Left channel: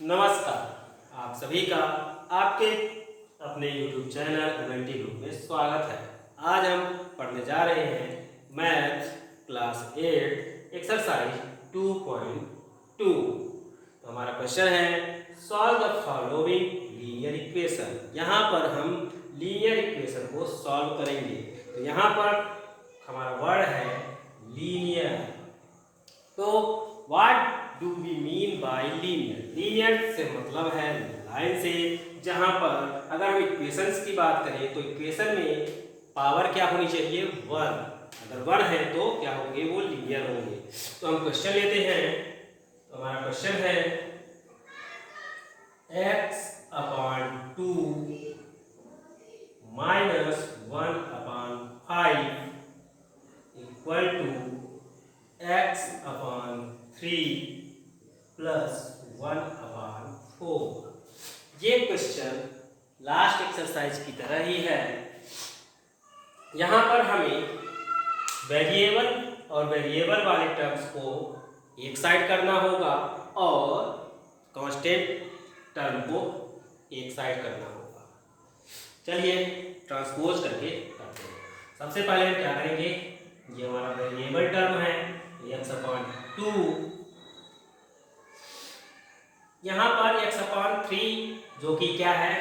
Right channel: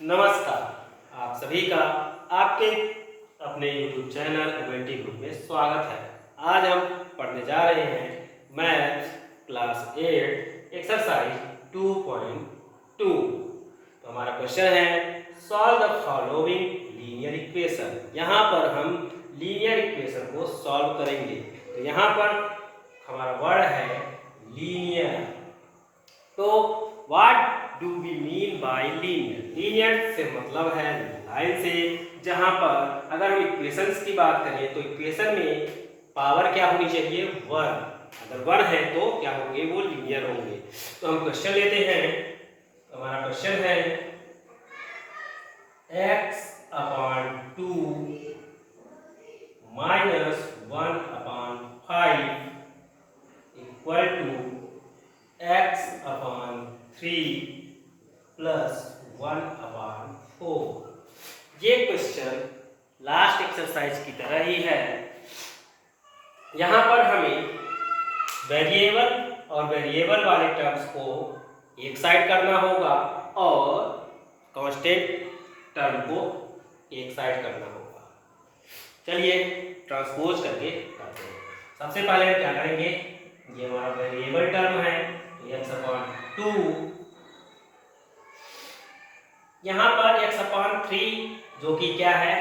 नमस्कार, आप सभी का आपके अपने YouTube चैनल एमएलटी ग्रुप में स्वागत है। आज हम पढ़ने जा रहे हैं मैथ क्लास 8 एक्सरसाइज 2.2। तो हमारा क्वेश्चन है solve the following linear equation. यहाँ पर हम लीनियर इक्वेशन को सॉल्व करेंगे। तो यहाँ पर हमारा वर्ड है लीनियर। तो what do we mean by linear? Linear से मतलब है लाइन से, जहां पर अगर हम इक्वेशंस की बात करें तो इक्वेशन में पावर क्या होनी चाहिए? 1। अगर 1 है तो क्या होंगे? वो लीनियर होंगे। तो हम क्वेश्चन लेते हैं। तो हमारा क्वेश्चन है x/2 minus 1/5 equal to x/3 plus 1/4। ये क्वेश्चन लास्ट एक्सरसाइज की तरह ही है। यहाँ पर हमें वेरिएबल और वेरिएबल वाले टर्म्स को एक साइड करना होगा और कांस्टेंट टर्म को एक साइड करना होगा। चलिए ट्रांसपोज करके करते हैं। सबसे पहले हम क्या करेंगे? ये हमारा वेरिएबल टर्म है x/2, यहाँ पर x/3 जो कि क्या है?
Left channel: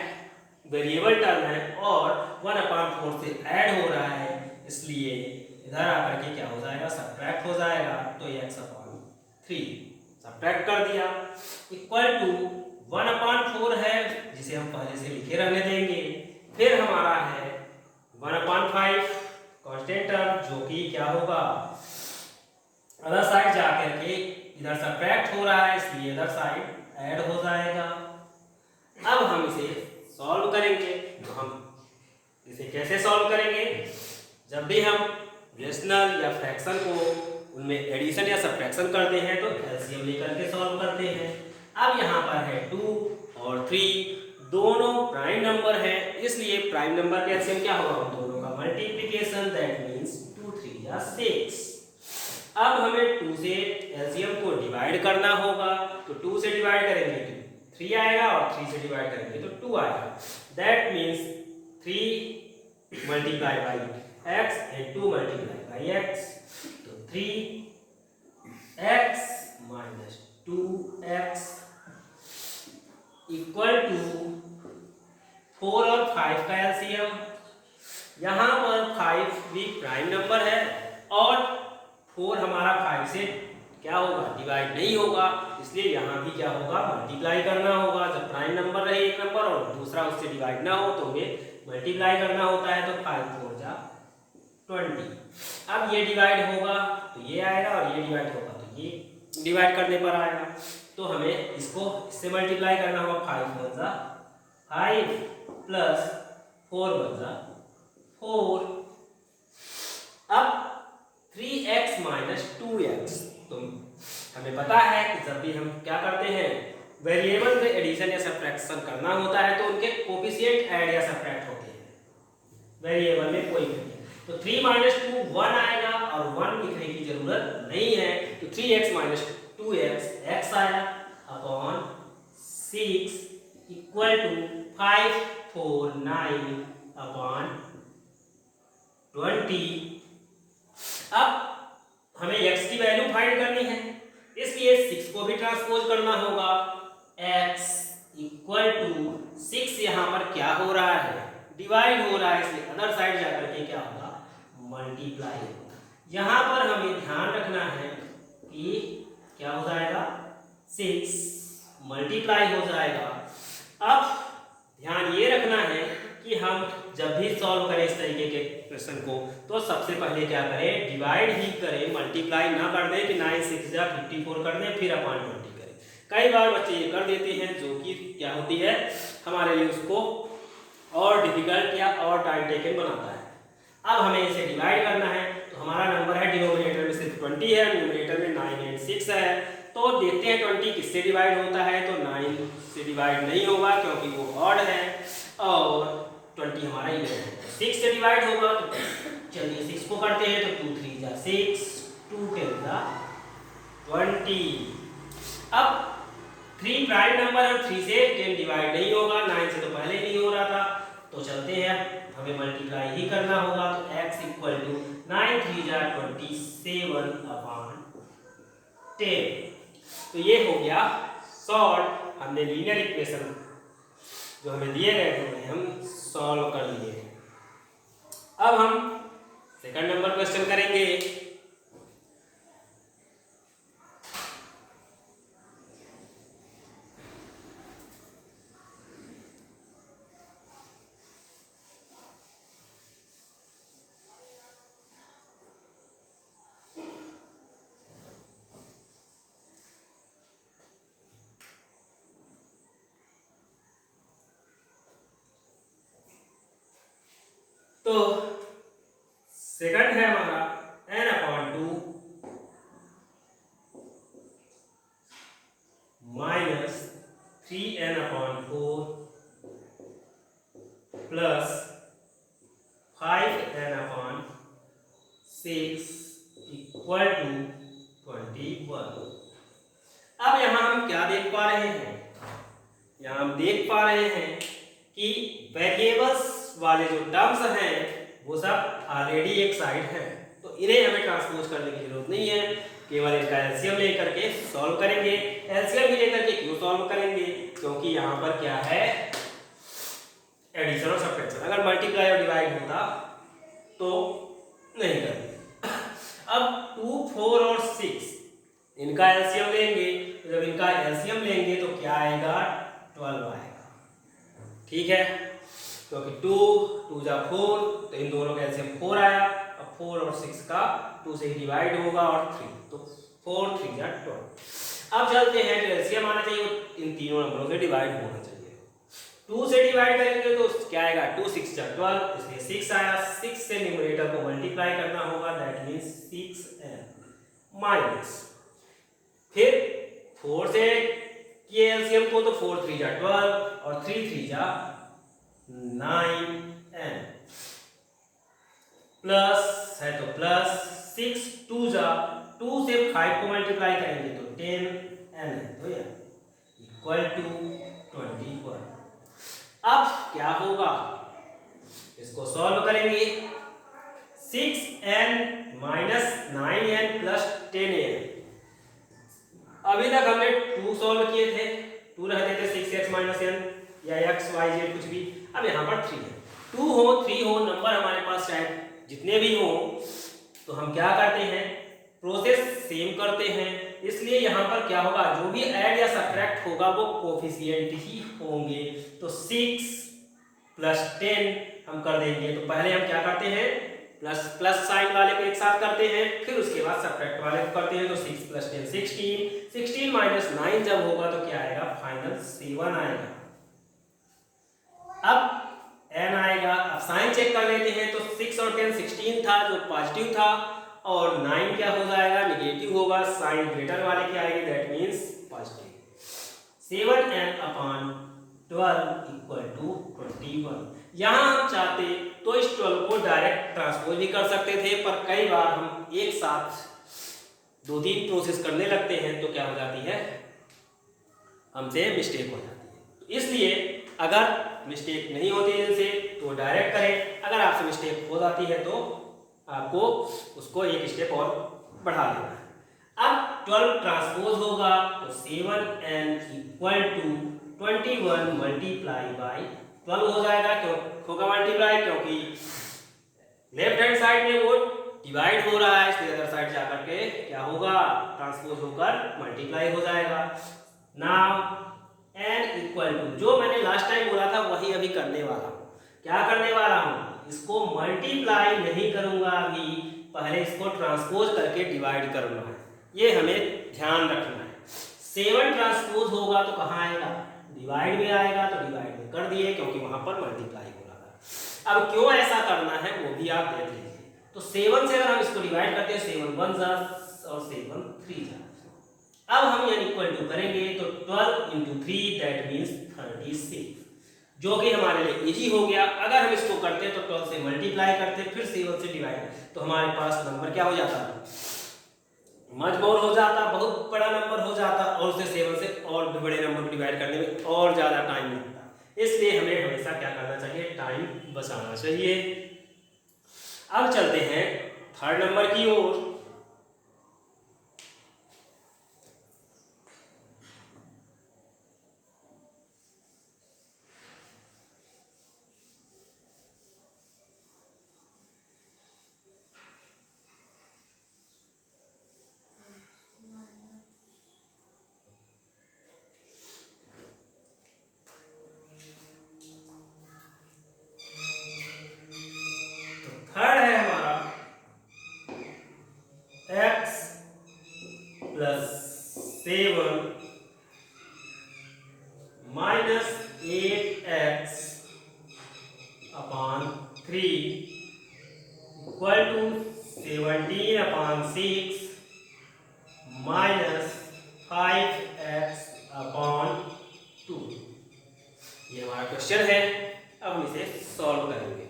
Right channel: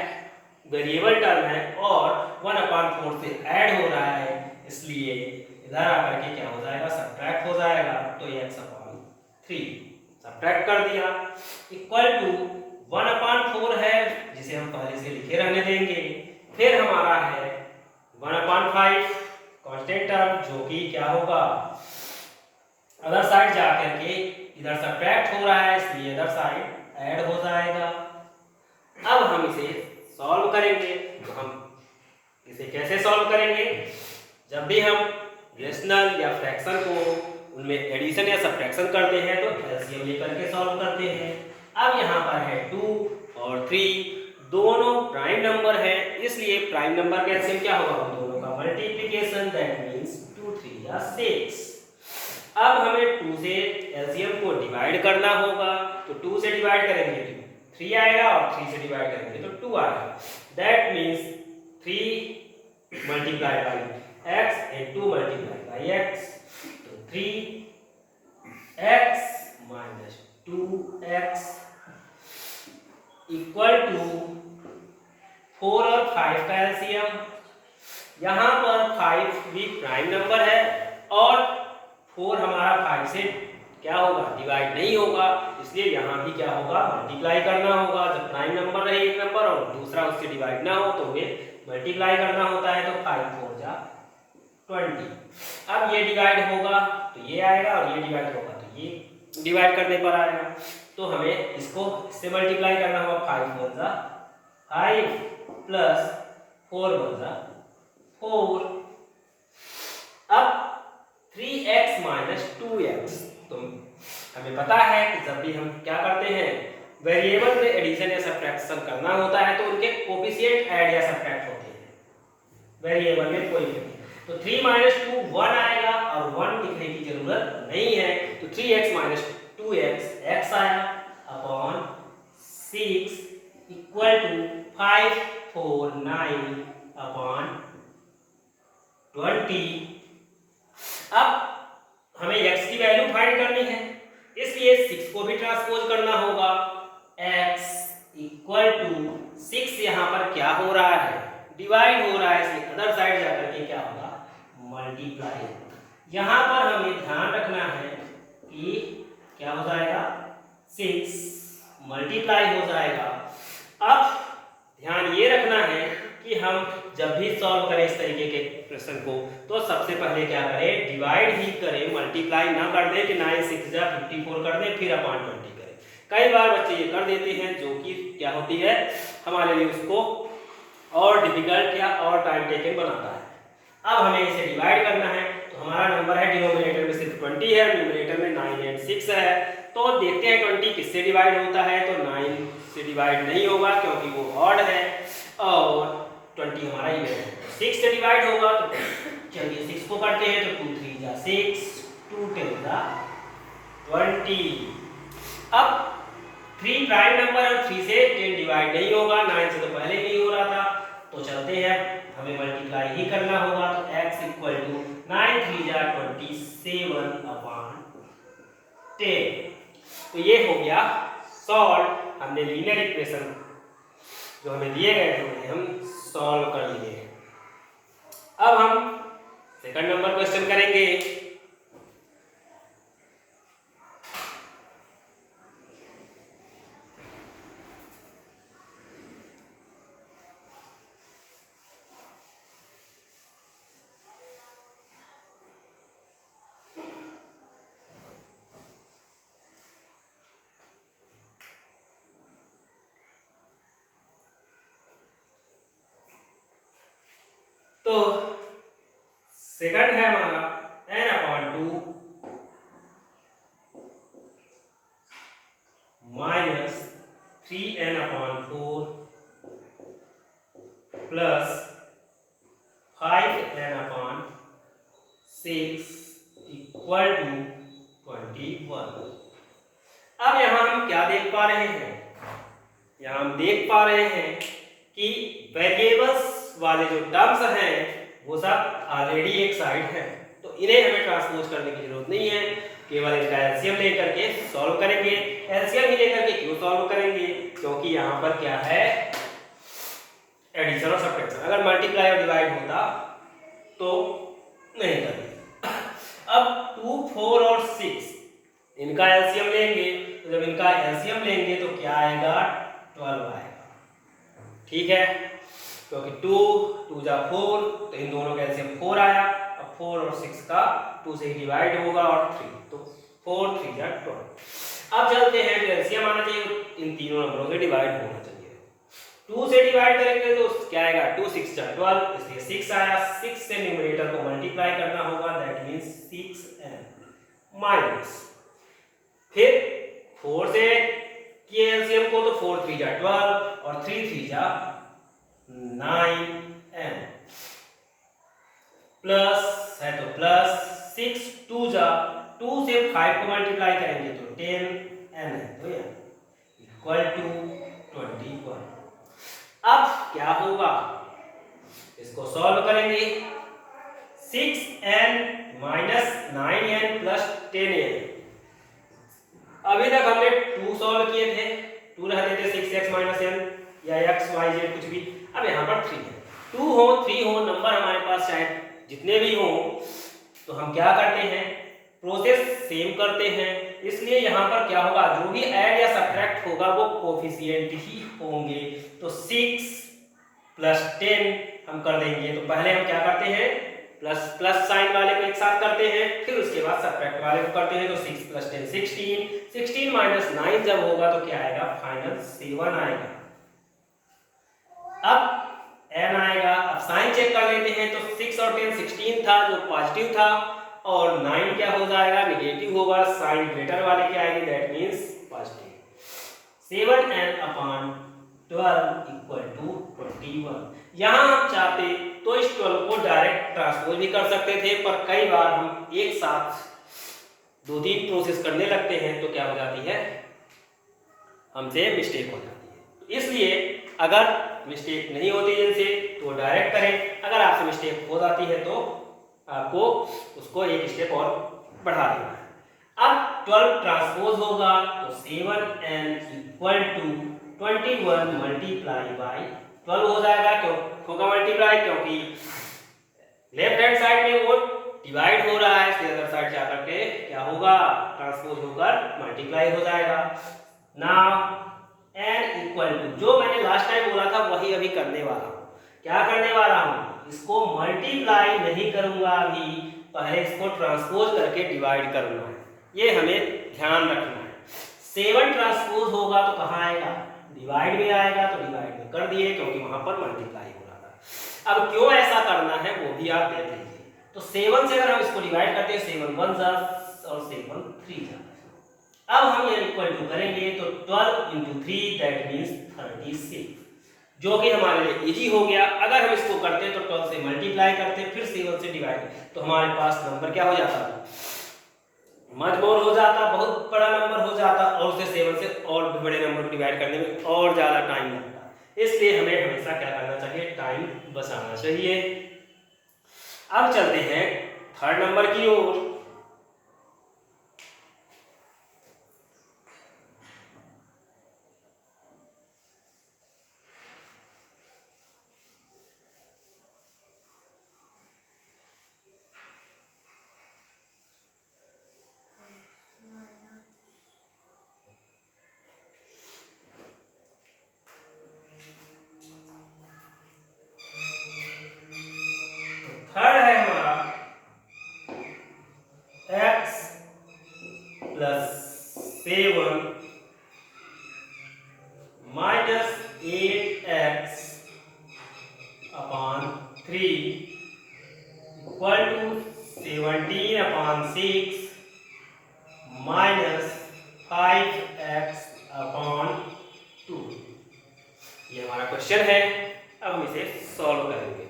वेरिएबल टर्म है और 1/4 से ऐड हो रहा है, इसलिए इधर आकर के क्या हो जाएगा? सब्ट्रैक्ट हो जाएगा। तो x/3 सब्ट्रैक्ट कर दिया इक्वल टू 1/4 है, जिसे हम पहले से लिखे रहने देंगे। फिर हमारा है 1/5 कांस्टेंट टर्म, जो कि क्या होगा? अदर साइड जाकर के इधर सब्ट्रैक्ट हो रहा है, इसलिए अदर साइड ऐड हो जाएगा। अब हम इसे सॉल्व करेंगे। तो हम इसे कैसे सॉल्व करेंगे? जब भी हम रेशनल या फ्रैक्शन को उनमें एडिशन या सब्ट्रैक्शन करते हैं तो एलसीएम लेकर के सॉल्व करते हैं। अब यहाँ पर है 2 और 3 दोनों प्राइम नंबर है, इसलिए प्राइम नंबर का एलसीएम क्या होगा? उन दोनों का मल्टीप्लिकेशन, दैट मींस 2 3 या 6। अब हमें 2 से एलसीएम को डिवाइड करना होगा। तो 2 से डिवाइड करेंगे तो 3 आएगा और 3 से डिवाइड करेंगे तो 2 आएगा। That means 3 multiply by x and 2 multiply by x। तो 3x minus 2x equal to 4 और 5 का एलसीएम। यहाँ पर 5 भी प्राइम नंबर है और 4 हमारा 5 से क्या होगा? डिवाइड नहीं होगा, इसलिए यहाँ भी क्या होगा? मल्टीप्लाई करना होगा। जब प्राइम नंबर रहे एक नंबर और दूसरा उससे डिवाइड ना हो तो वे मल्टीप्लाई करना होता है। तो 5 4 जा 20। अब ये डिवाइड होगा तो ये आएगा और ये डिवाइड होगा तो ये डिवाइड करने पर आएगा। तो हमें इसको इससे मल्टीप्लाई करना होगा। 5 1 जा 5 प्लस 4 1 जा 4। अब 3x माइनस 2x। तो हमें पता है कि जब भी हम क्या करते हैं, वेरिएबल में एडिशन या सब्ट्रैक्शन करना होता है तो उनके कोफिशिएंट ऐड या सब्ट्रैक्ट होते हैं वेरिएबल में कोई भी। तो 3 माइनस 2 1 आएगा और 1 लिखने की जरूरत नहीं है। तो 3x माइनस 2x x आया अपॉन 6 इक्वल टू 5 4 9 अपॉन 20। अब हमें x की वैल्यू फाइंड करनी है, इसलिए 6 को भी ट्रांसपोज करना होगा। x इक्वल टू 6 यहाँ पर क्या हो रहा है? डिवाइड हो रहा है, इसलिए अदर साइड जाकर के क्या होगा? मल्टीप्लाई होगा। यहाँ पर हमें ध्यान रखना है कि क्या हो जाएगा? 6 मल्टीप्लाई हो जाएगा। अब ध्यान ये रखना है कि हम जब भी सॉल्व करें इस तरीके के प्रश्न को तो सबसे पहले क्या करें? डिवाइड ही करें, मल्टीप्लाई ना कर दें कि 9 6 जा 54 कर दें फिर अपॉन 20 करें। कई बार बच्चे ये कर देते हैं, जो कि क्या होती है हमारे लिए उसको और डिफिकल्ट या और टाइम टेकन बनाता है। अब हमें इसे डिवाइड करना है। तो हमारा नंबर है डिनोमिनेटर में सिर्फ 20 है, न्यूमरेटर में 9 एंड 6 है। तो देखते हैं 20 किससे डिवाइड होता है। तो 9 से डिवाइड नहीं होगा क्योंकि वो ऑड है और 20 हमारा इवन है। 6 से डिवाइड होगा तो चलिए 6 को करते हैं। तो 2 3 जा 6 2 10 जा 20। अब 3 प्राइम नंबर है, 3 से 10 डिवाइड नहीं होगा, 9 से तो पहले नहीं हो रहा था, तो चलते हैं हमें मल्टीप्लाई ही करना होगा। तो x इक्वल टू 9 3 जा 27 अपॉन 10। तो ये हो गया सॉल्व। हमने लीनियर इक्वेशन जो हमें दिए गए थे उन्हें हम सॉल्व कर लिए हैं। अब हम सेकंड नंबर क्वेश्चन करेंगे। तो सेकंड है हमारा n upon 2 minus 3n upon 4 plus 5n upon 6 equal to 21। अब यहाँ हम क्या देख पा रहे हैं? यहाँ हम देख पा रहे हैं कि वेरिएबल्स वाले जो टर्म्स हैं वो सब ऑलरेडी एक साइड है, तो इन्हें हमें ट्रांसपोज करने की जरूरत नहीं है। केवल इनका एलसीएम लेकर के सॉल्व करेंगे। एलसीएम ही लेकर के क्यों सॉल्व करेंगे? क्योंकि यहाँ पर क्या है, एडिशन और सब्ट्रैक्शन। अगर मल्टीप्लाई और डिवाइड होता तो नहीं करेंगे। अब 2 4 और 6 इनका एलसीएम लेंगे, तो जब इनका एलसीएम लेंगे तो क्या आएगा? 12 आएगा। ठीक है, क्योंकि 2 2 जा 4, तो इन दोनों का एलसीएम 4 आया। अब 4 और 6 का 2 से ही डिवाइड होगा और 3, तो 4 3 जा 12। अब चलते हैं, जो एलसीएम आना चाहिए इन तीनों नंबरों से डिवाइड होना चाहिए। 2 से डिवाइड करेंगे तो क्या आएगा? 2 6 जा 12, इसलिए 6 आया। 6 से न्यूमरेटर को मल्टीप्लाई करना होगा, दैट मींस 6n माइनस, फिर 4 से किए एलसीएम को, तो 4 3 जा 12 और 3 3 जा 9n प्लस है तो प्लस 6 2 जा 2 से 5 को मल्टीप्लाई करेंगे तो 10n है, तो ये इक्वल टू 21। अब क्या होगा? इसको सॉल्व करेंगे। 6n minus 9n plus 10n। अभी तक हमने 2 सॉल्व किए थे, 2 रहते थे 6x माइनस n या x y z कुछ भी। अब यहाँ पर 3 है। 2 हो 3 हो, नंबर हमारे पास चाहे जितने भी हो, तो हम क्या करते हैं? प्रोसेस सेम करते हैं। इसलिए यहाँ पर क्या होगा? जो भी ऐड या सब्ट्रैक्ट होगा वो कोफिशिएंट ही होंगे। तो 6 प्लस 10 हम कर देंगे। तो पहले हम क्या करते हैं? प्लस साइन वाले को एक साथ करते हैं, फिर उसके बाद सब्ट्रैक्ट वाले को करते हैं। तो 6 प्लस 10 16, 16 माइनस 9 जब होगा तो क्या आएगा? फाइनल 7 आएगा। अब n आएगा। अब साइन चेक कर लेते हैं, तो 6 और 10 16 था जो पॉजिटिव था, और 9 क्या हो जाएगा? नेगेटिव होगा। साइन ग्रेटर वाले की आएगी, that means positive. 7n upon 12 equal to 21। यहाँ हम चाहते तो इस 12 को डायरेक्ट ट्रांसपोज भी कर सकते थे, पर कई बार हम एक साथ 2-3 प्रोसेस करने लगते हैं तो क्या हो जाती है? हमसे मिस्टेक हो जाती है। इसलिए अगर मिस्टेक नहीं होती इनसे तो डायरेक्ट करें। अगर आपसे मिस्टेक हो जाती है तो आपको उसको एक स्टेप और बढ़ा देना है। अब 12 ट्रांसपोज होगा तो 7n equal to 21 multiply by 12 हो जाएगा। क्यों होगा मल्टीप्लाई? क्योंकि लेफ्ट हैंड साइड में वो डिवाइड हो रहा है, इसलिए अदर साइड जाकर के क्या होगा? ट्रांसपोज होकर मल्टीप्लाई हो जाएगा। नाउ n इक्वल टू, जो मैंने लास्ट टाइम बोला था वही अभी करने वाला हूँ। क्या करने वाला हूँ? इसको मल्टीप्लाई नहीं करूंगा अभी, पहले इसको ट्रांसपोज करके डिवाइड करूंगा। ये हमें ध्यान रखना है। 7 ट्रांसपोज होगा तो कहाँ आएगा? डिवाइड में आएगा, तो डिवाइड में कर दिए क्योंकि वहां पर मल्टीप्लाई हो रहा था। अब क्यों ऐसा करना है वो भी आप देख लीजिए। तो 7 से अगर हम इसको डिवाइड करते हैं, 7 1 जा और 7 3 जा। अब हम ये इक्वल टू करेंगे तो 12 into 3 दैट मींस 36, जो कि हमारे लिए इजी हो गया। अगर हम इसको करते तो 12 से मल्टीप्लाई करते, फिर 7 से डिवाइड, तो हमारे पास नंबर क्या हो जाता? मच मोर हो जाता, बहुत बड़ा नंबर हो जाता और उसे 7 से और भी बड़े नंबर को डिवाइड करने में और ज़्यादा टाइम लगता। इसलिए हमें हमेशा क्या करना चाहिए, टाइम बचाना चाहिए। अब चलते हैं थर्ड नंबर की ओर। थर्ड है हमारा x + 7 minus 8x upon 3 equal to 17/6 minus 5x upon 2। ये हमारा क्वेश्चन है। अब हम इसे सॉल्व करेंगे।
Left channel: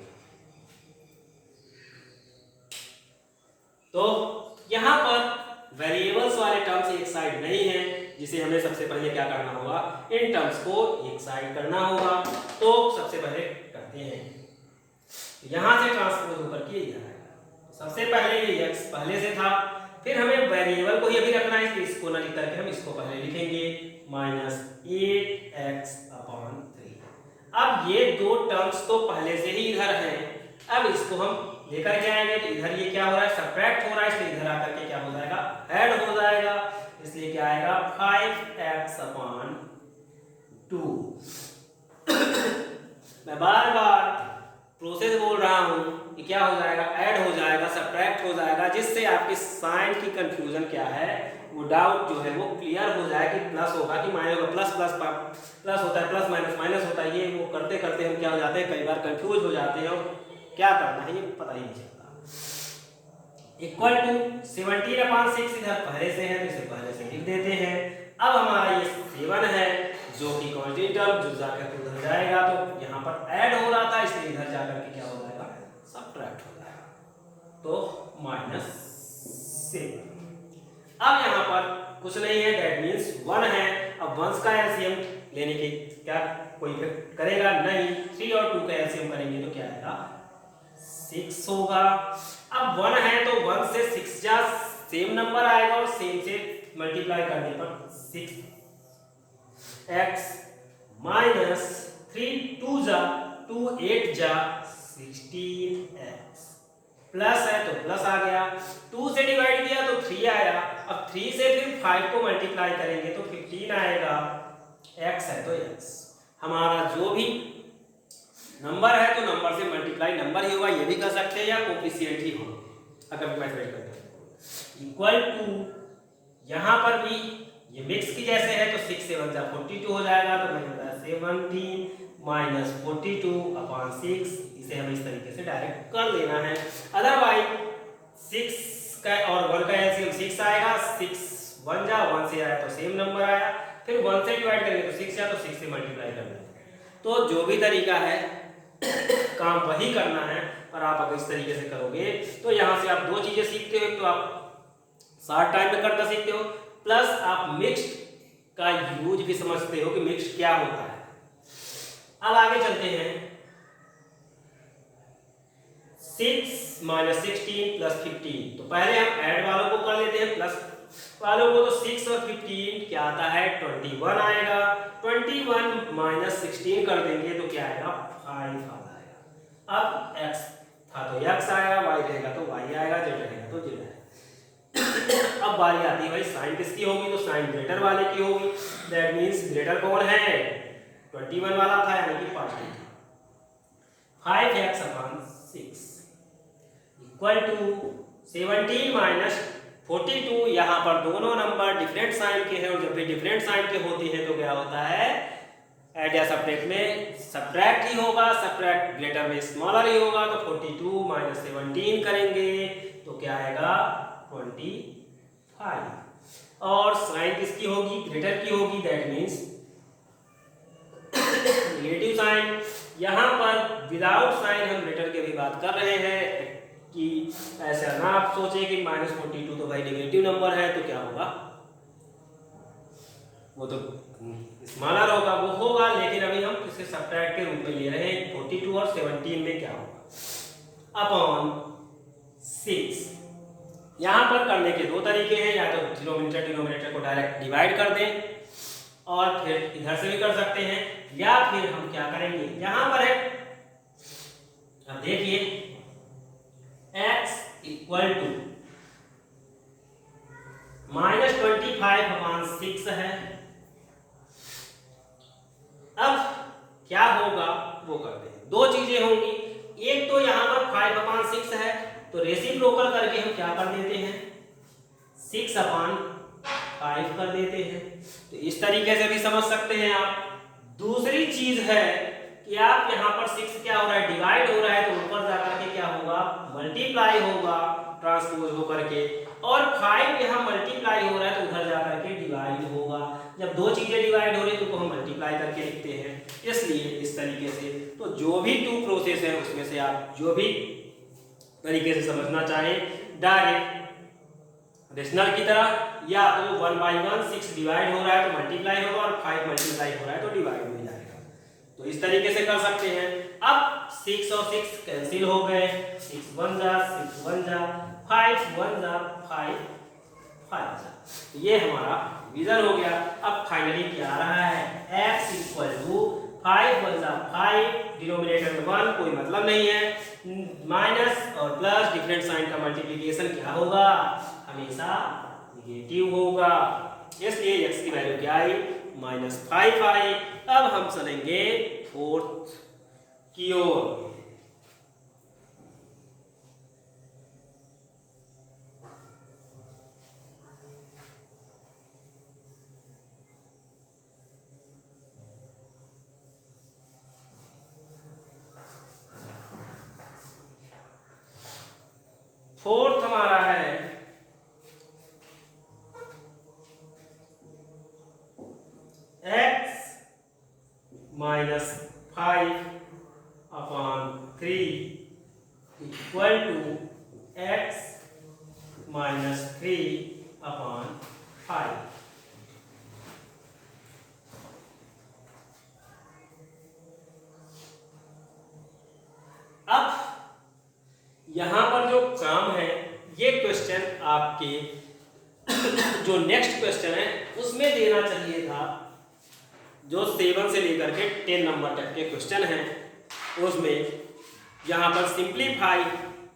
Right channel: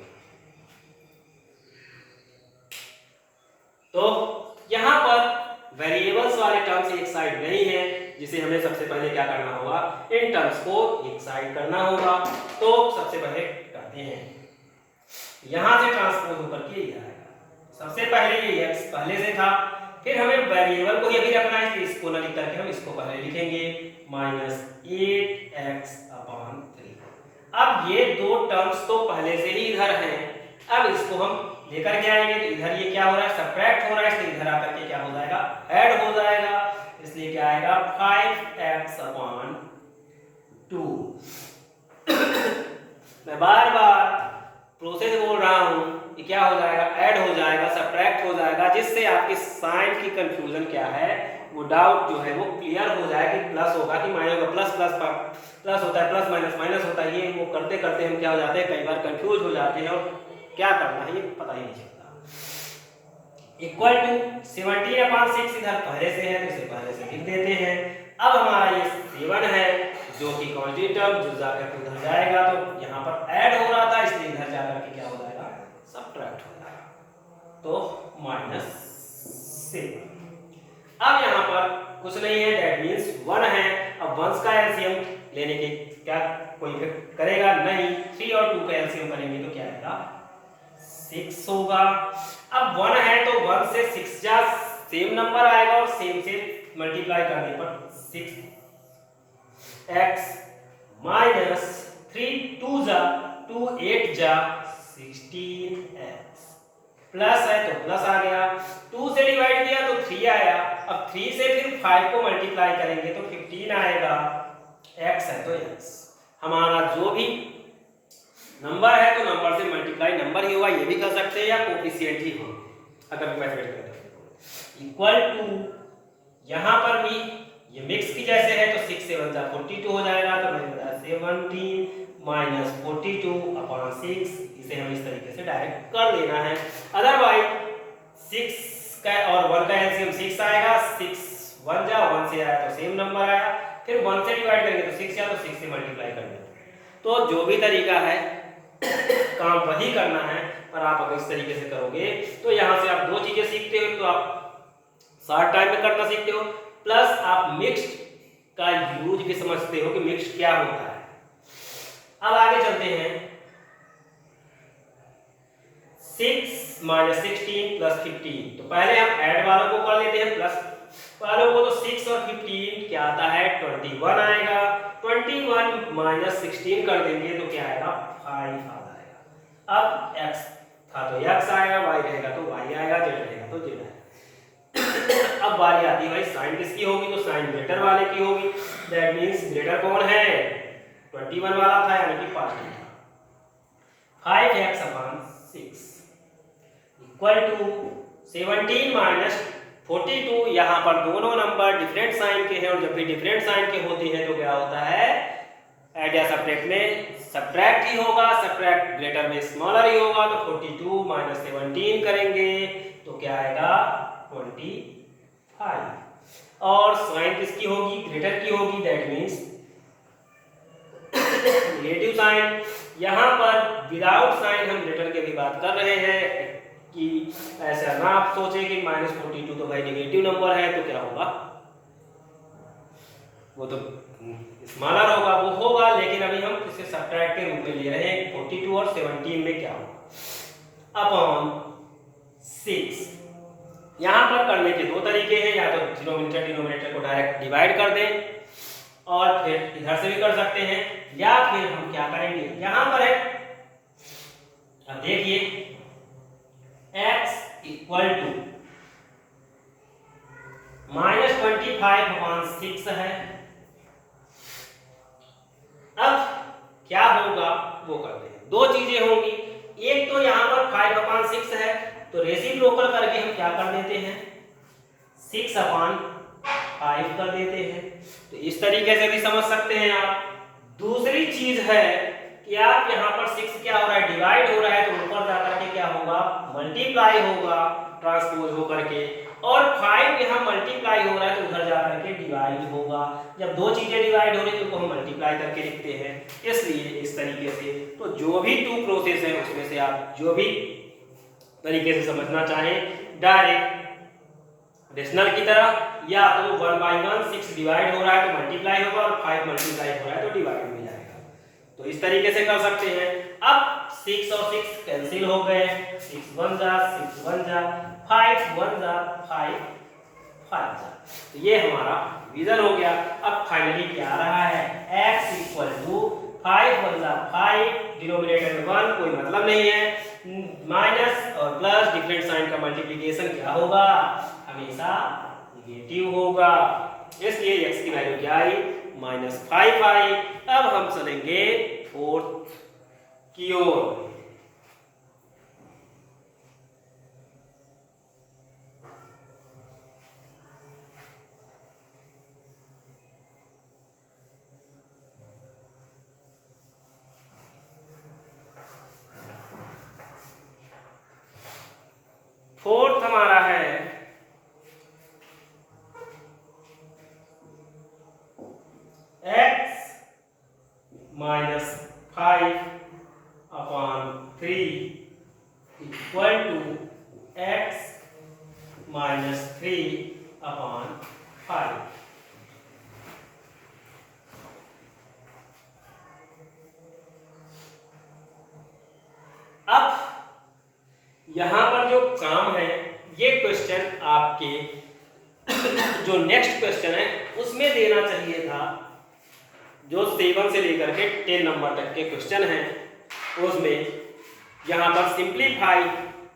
तो यहां पर वेरिएबल्स वाले टर्म्स एक साइड नहीं है, जिसे हमें सबसे पहले क्या करना होगा, इन टर्म्स को एक साइड करना होगा। तो सबसे पहले करते हैं, यहां से ट्रांसपोज ऊपर किया जाएगा। सबसे पहले ये x पहले से था, फिर हमें वेरिएबल को ही अभी रखना है, इसको ना लिख करके हम इसको पहले लिखेंगे माइनस 8x अपॉन 3। अब ये दो टर्म्स तो पहले से ही इधर हैं, अब इसको हम लेकर के आएंगे तो इधर ये क्या हो रहा है, सब्ट्रैक्ट हो रहा है, इसलिए इधर आकर के क्या हो जाएगा, ऐड हो जाएगा। इसलिए क्या आएगा 5x अपॉन 2। मैं बार बार प्रोसेस बोल रहा हूं कि क्या हो जाएगा, ऐड हो जाएगा, सब्ट्रैक्ट हो जाएगा, जिससे आपके साइन की कंफ्यूजन क्या है, वो डाउट जो है वो क्लियर हो जाए कि प्लस होगा कि माइनस होगा। प्लस प्लस प्लस होता है, प्लस माइनस माइनस होता है, ये वो करते करते हम क्या हो जाते हैं, कई बार कंफ्यूज हो जाते हैं और क्या करना है ये पता ही नहीं चलता। इक्वल टू 17/6 इधर पहले से है तो इसे पहले से लिख देते हैं। अब हमारा ये 7 है जो कि कांस्टेंट टर्म, जो जाकर उधर जाएगा तो यहाँ पर ऐड हो रहा था, इसलिए इधर जाकर के क्या हो जाएगा, सब्ट्रैक्ट हो जाएगा, तो -7। अब यहाँ पर कुछ नहीं है, दैट मीन्स 1 है। अब 1 का एलसीएम लेने के क्या कोई करेगा नहीं, 3 और 2 का एलसीएम करेंगे तो क्या आएगा, 6 होगा। अब 1 है तो 1 से 6 जा सेम नंबर आएगा और सेम से मल्टीप्लाई करने पर 6x माइनस 3 2 जा 2 8 जा 16x प्लस है तो प्लस आ गया, 2 से डिवाइड किया तो 3 आया। अब 3 से फिर 5 को मल्टीप्लाई करेंगे तो 15 आएगा, x है तो x। हमारा जो भी नंबर है तो नंबर से मल्टीप्लाई नंबर ही होगा, ये भी कर सकते हैं या कोफिशिएंट ही हो अगर मैथमेटिक्स करते हैं। इक्वल टू यहाँ पर भी ये मिक्स की जैसे है तो 6 7 जा 42 हो जाएगा, तो 17 माइनस 42 अपॉन 6। इसे हम इस तरीके से डायरेक्ट कर लेना है। अदरवाइज 6 का और 1 का एलसीएम 6 आएगा, 6 1 जा 1 से आया तो सेम नंबर आया, फिर 1 से डिवाइड करेंगे तो 6 या तो 6 से मल्टीप्लाई करेंगे। तो जो भी तरीका है काम वही करना है, पर आप अगर इस तरीके से करोगे तो यहाँ से आप दो चीजें सीखते हो, तो आप शॉर्ट टाइम में करना सीखते हो, प्लस आप मिक्स्ड का यूज भी समझते हो कि मिक्स्ड क्या होता है। अब आगे चलते हैं, 6 माइनस 16 प्लस 15। तो पहले हम ऐड वालों को कर लेते हैं, प्लस वालों को। तो 6 और 15 क्या आता है, 21 आएगा। 21 माइनस 16 कर देंगे तो क्या आएगा, 5 आ जाएगा। अब x था तो x आएगा, y रहेगा तो y आएगा, z रहेगा तो z आएगा। अब बारी आती है भाई साइन किसकी होगी, तो साइन ग्रेटर वाले की होगी। दैट मींस ग्रेटर कौन है, 21 वाला था यानी कि पॉजिटिव था। 5x upon 6 equal to 17 minus 42। यहाँ पर दोनों नंबर डिफरेंट साइन के हैं और जब भी डिफरेंट साइन के होते हैं तो क्या होता है, ऐड या सब्ट्रैक्ट में सब्ट्रैक्ट ही होगा, सब्ट्रैक्ट ग्रेटर में स्मॉलर ही होगा। तो 42 माइनस 17 करेंगे तो क्या आएगा, 25। और साइन किसकी होगी, ग्रेटर की होगी, दैट मींस नेगेटिव साइन। यहाँ पर विदाउट साइन हम ग्रेटर की भी बात कर रहे हैं, कि ऐसा ना आप सोचे कि -42 तो भाई नेगेटिव नंबर है तो क्या होगा, वो तो स्मॉलर होगा, वो होगा, लेकिन अभी हम इसे सब्ट्रैक्ट के रूप में ले रहे हैं। 42 और 17 में क्या होगा अपॉन 6। यहाँ पर करने के दो तरीके हैं, या तो डिनोमिनेटर को डायरेक्ट डिवाइड कर दें और फिर इधर से भी कर सकते हैं, या फिर हम क्या करेंगे, यहाँ पर है, अब देखिए x इक्वल टू -25/6 है। अब क्या होगा वो करते हैं, दो चीजें होंगी, एक तो यहाँ पर 5/6 है तो रेसिप्रोकल करके हम क्या कर देते हैं 6/5 कर देते हैं, तो इस तरीके से भी समझ सकते हैं आप। दूसरी चीज है कि आप यहाँ पर 6 क्या हो रहा है डिवाइड हो रहा है, तो ऊपर जाकर के क्या होगा मल्टीप्लाई होगा ट्रांसपोज होकर के, और 5 यहाँ मल्टीप्लाई हो रहा है तो उधर जाकर के डिवाइड होगा। जब दो चीजें डिवाइड हो रही है तो हम मल्टीप्लाई करके लिखते हैं, इसलिए इस तरीके से। तो जो भी टू प्रोसेस है उसमें से आप जो भी तरीके से समझना चाहें, डायरेक्ट रेशनल की तरह, या तो 1/1 6 डिवाइड हो रहा है तो मल्टीप्लाई होगा, और 5 मल्टीप्लाई हो रहा है तो डिवाइड हो जाएगा, तो इस तरीके से कर सकते हैं। अब 6 और 6 कैंसिल हो गए, 6 1 जा 6 1 जा 5 1 जा 5 5 जा, तो ये हमारा डिवीजन हो गया। अब फाइनली क्या आ रहा है x इक्वल टू 5 1 जा 5, डिनोमिनेटर में 1 कोई मतलब नहीं है, माइनस और प्लस डिफरेंट साइन का मल्टीप्लिकेशन क्या होगा हमेशा नेगेटिव होगा, इसलिए x की वैल्यू क्या आई -5 आई। अब हम चलेंगे फोर्थ की ओर। फोर्थ हमारा है x -5/3 इक्वल टू x -3/5। अब यहां पर जो काम है, ये क्वेश्चन आपके जो नेक्स्ट क्वेश्चन है उसमें देना चाहिए था, जो 7 से लेकर के 10 नंबर तक के क्वेश्चन हैं, उसमें यहाँ पर simplify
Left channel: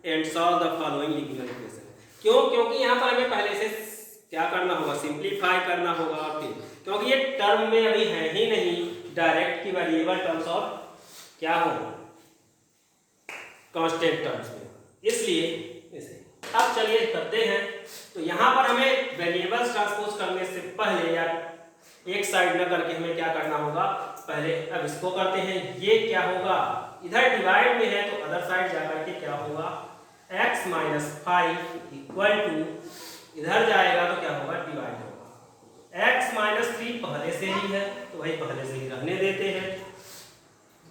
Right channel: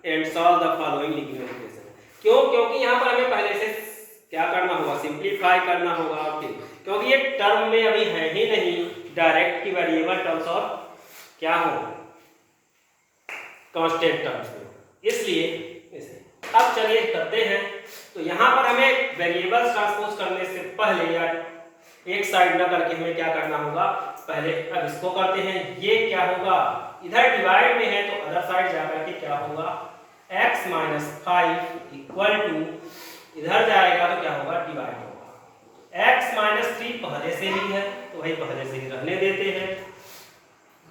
and solve the following linear equation. क्यों? क्योंकि यहाँ पर हमें पहले से क्या करना होगा सिंप्लीफाई करना होगा आपके, क्योंकि ये टर्म में अभी है ही नहीं डायरेक्ट की वेरिएबल टर्म्स और क्या हो कांस्टेंट टर्म्स में, इसलिए इसे अब चलिए करते हैं। तो यहाँ पर हमें वेरिएबल्स ट्रांसपोज करने से पहले या एक साइड न करके हमें क्या करना होगा पहले, अब इसको करते हैं, ये क्या होगा इधर डिवाइड में है तो अदर साइड जाकर के क्या होगा x -5 इक्वल टू इधर जाएगा तो क्या होगा डिवाइड होगा, x -3 पहले से ही है तो वही पहले से ही रहने देते हैं।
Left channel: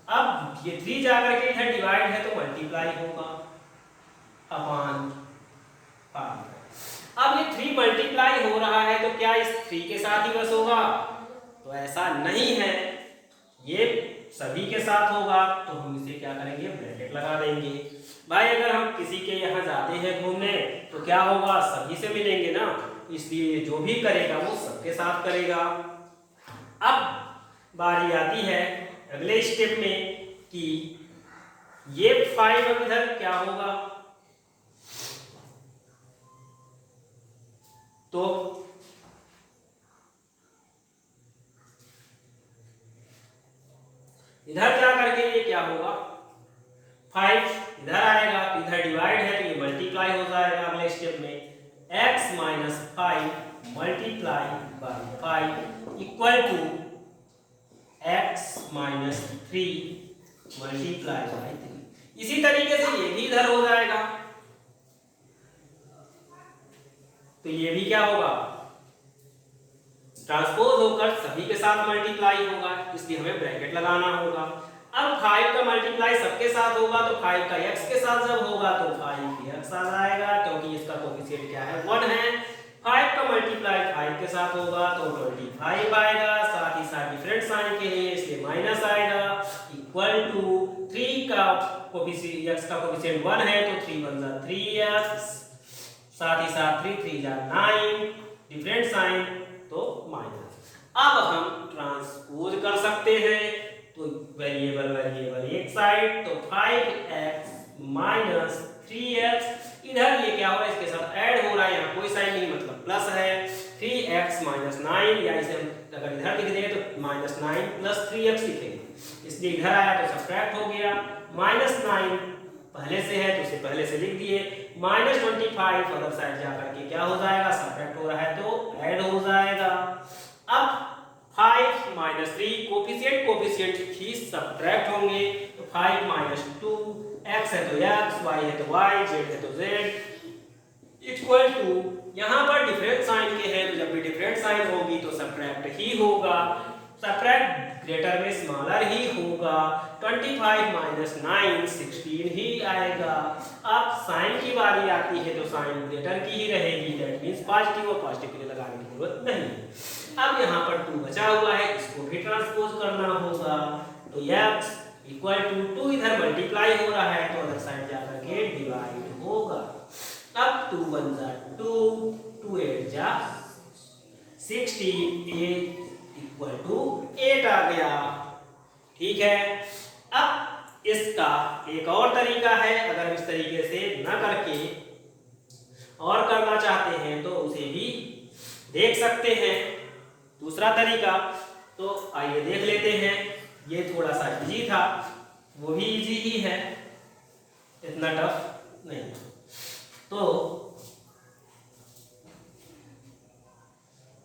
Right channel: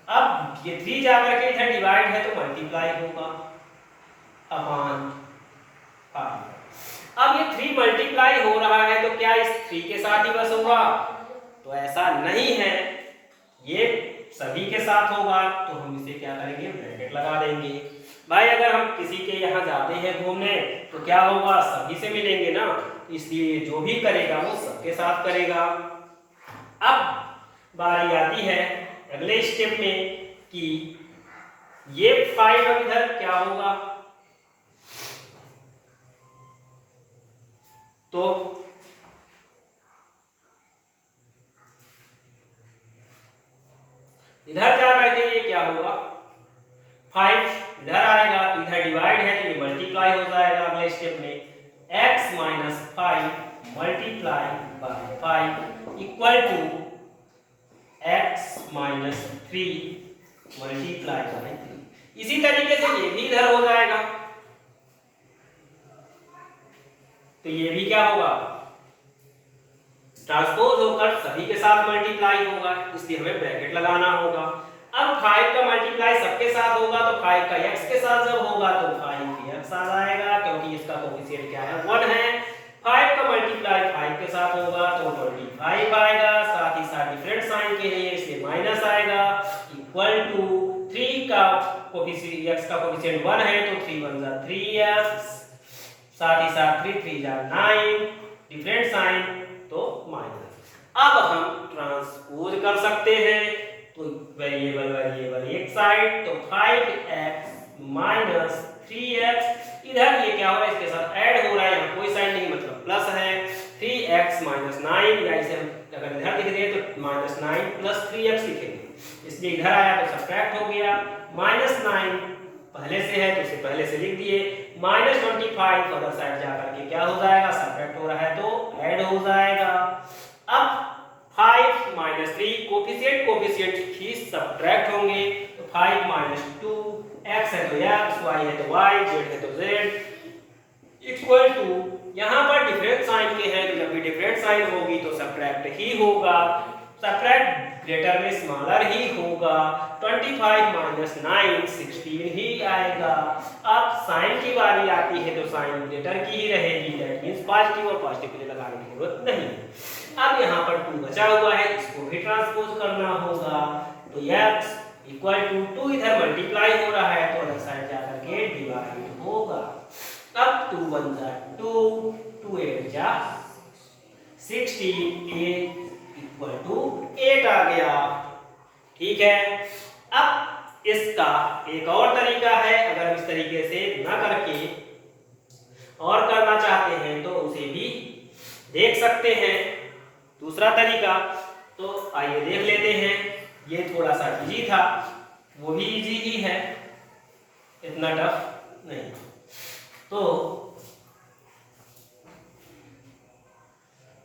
अब ये 3 जाकर के इधर डिवाइड है तो मल्टीप्लाई होगा अपॉन 5। अब ये 3 मल्टीप्लाई हो रहा है तो क्या इस 3 के साथ ही बस होगा, तो ऐसा नहीं है, ये सभी के साथ होगा, तो हम इसे क्या करेंगे ब्रैकेट लगा देंगे। भाई अगर हम किसी के यहाँ जाते हैं घूमने तो क्या होगा सभी से मिलेंगे ना, इसलिए जो भी करेगा वो सबके साथ करेगा। अब बारी आती है अगले स्टेप में कि ये 5 अब इधर क्या होगा, तो इधर जा करके ये क्या होगा 5 इधर आएगा तो इधर डिवाइड है तो ये मल्टीप्लाई हो जाएगा अगले स्टेप में, x -5 multiply by 5 equal to x -3 multiply by 3। इसी तरीके से ये भी इधर हो जाएगा, तो ये भी क्या होगा ट्रांसपोज होकर सभी के साथ मल्टीप्लाई होगा, इसलिए हमें ब्रैकेट लगाना होगा। अब 5 का मल्टीप्लाई सबके साथ होगा तो 5 का x के साथ जब होगा तो 5x आ जाएगा, क्योंकि इसका कोफिशिएंट क्या है 1 है। 5 का मल्टीप्लाई 5 के साथ होगा तो 25 आएगा, साथ ही साथ डिफरेंट साइन के लिए इसलिए माइनस आएगा, इक्वल टू 3 का कोफिशिएंट x का कोफिशिएंट 1 है तो 3 1 जा 3x, साथ ही साथ 3 3 जा 9, डिफरेंट साइन तो माइनस। अब हम ट्रांसपोज कर सकते हैं, तो वेरिएबल वेरिएबल एक साइड तो 5x माइनस 3x, इधर ये क्या हो रहा है इसके साथ ऐड हो रहा है, यहाँ कोई साइन नहीं मतलब प्लस है, 3x माइनस 9, या इसे अगर इधर लिख दें तो माइनस 9 प्लस 3x लिखेंगे, इसलिए इधर आया तो सब्ट्रैक्ट हो गया, माइनस 9 पहले से है तो उसे पहले से लिख दिए, माइनस 25 अदर साइड जाकर के क्या हो जाएगा सब्ट्रैक्ट हो रहा है तो ऐड हो जाएगा। अब 5 माइनस 3 कोफिशिएंट ही सब्ट्रैक्ट होंगे, तो 5 माइनस 2, x है तो x, y है तो y, z है तो z, इक्वल टू यहाँ पर डिफरेंट साइन के हैं तो जब भी डिफरेंट साइन होगी तो सब्ट्रैक्ट ही होगा, सब्ट्रैक्ट ग्रेटर में स्मॉलर ही होगा, 25 माइनस 9 16 ही आएगा। अब साइन की बारी आती है तो साइन ग्रेटर की ही रहेगी, दैट मींस पॉजिटिव, और पॉजिटिव के लिए लगाने की जरूरत नहीं है। अब यहाँ पर 2 बचा हुआ है, इसको भी ट्रांसपोज करना होगा, तो x इक्वल टू 2 इधर मल्टीप्लाई हो रहा है तो अलग साइड जाकर के डिवाइड होगा। अब 2 1 जा 2, 2 8 जा 16, इक्वल टू 8 आ गया, ठीक है। अब इसका एक और तरीका है, अगर इस तरीके से ना करके और करना चाहते हैं तो उसे भी देख सकते हैं, दूसरा तरीका, तो आइए देख लेते हैं। ये थोड़ा सा इजी था, वो भी इजी ही है, इतना टफ नहीं। तो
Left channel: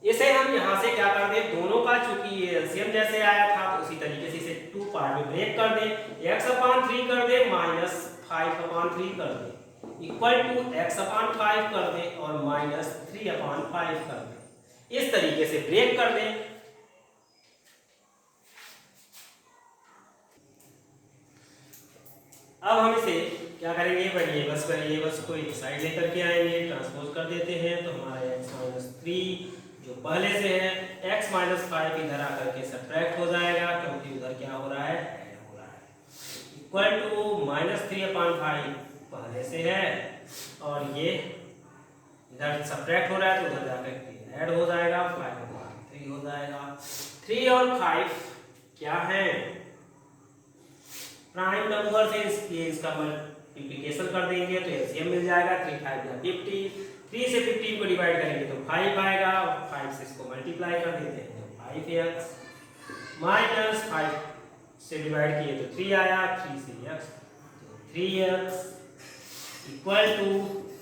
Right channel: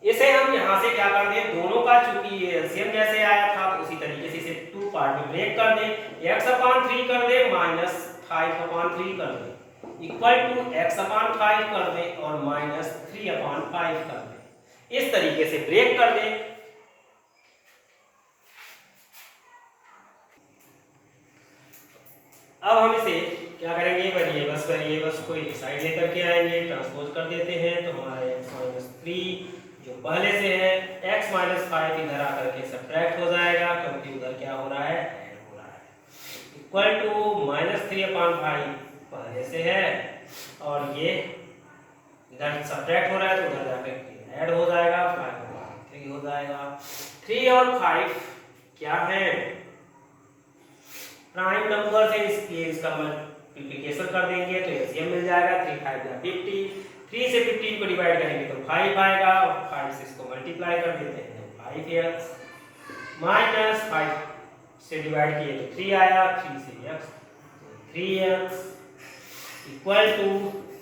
इसे हम यहाँ से क्या कर दें, दोनों का चूंकि ये एलसीएम जैसे आया था तो उसी तरीके से इसे 2 पार्ट में ब्रेक कर दें, x/3 कर दें माइनस 5/3 कर दें, इक्वल टू x/5 कर दें और माइनस 3/5 कर दें, इस तरीके से ब्रेक कर दें। अब हम इसे क्या करेंगे, वेरिएबल्स को एक साइड लेकर के आएंगे, ट्रांसपोज कर देते हैं, तो हमारा x-3 जो पहले से है, x माइनस 5 इधर आकर के सब्ट्रैक्ट हो जाएगा, क्योंकि उधर क्या हो रहा है ऐड हो रहा है, इक्वल टू माइनस 3/5 पहले से है, और ये इधर सब्ट्रैक्ट हो रहा है तो उधर जाकर के ऐड हो जाएगा, 5/3 हो जाएगा। 3 और 5 क्या है, प्राइम नंबर से इसका मल्टीप्लिकेशन कर देंगे तो एलसीएम मिल जाएगा, 3 5 या 50, 3 से 15 को डिवाइड करेंगे तो 5 आएगा, और 5 से इसको मल्टीप्लाई कर देते हैं तो 5x, माइनस 5 से डिवाइड किए तो 3 आया, 3 से x तो 3x, equal to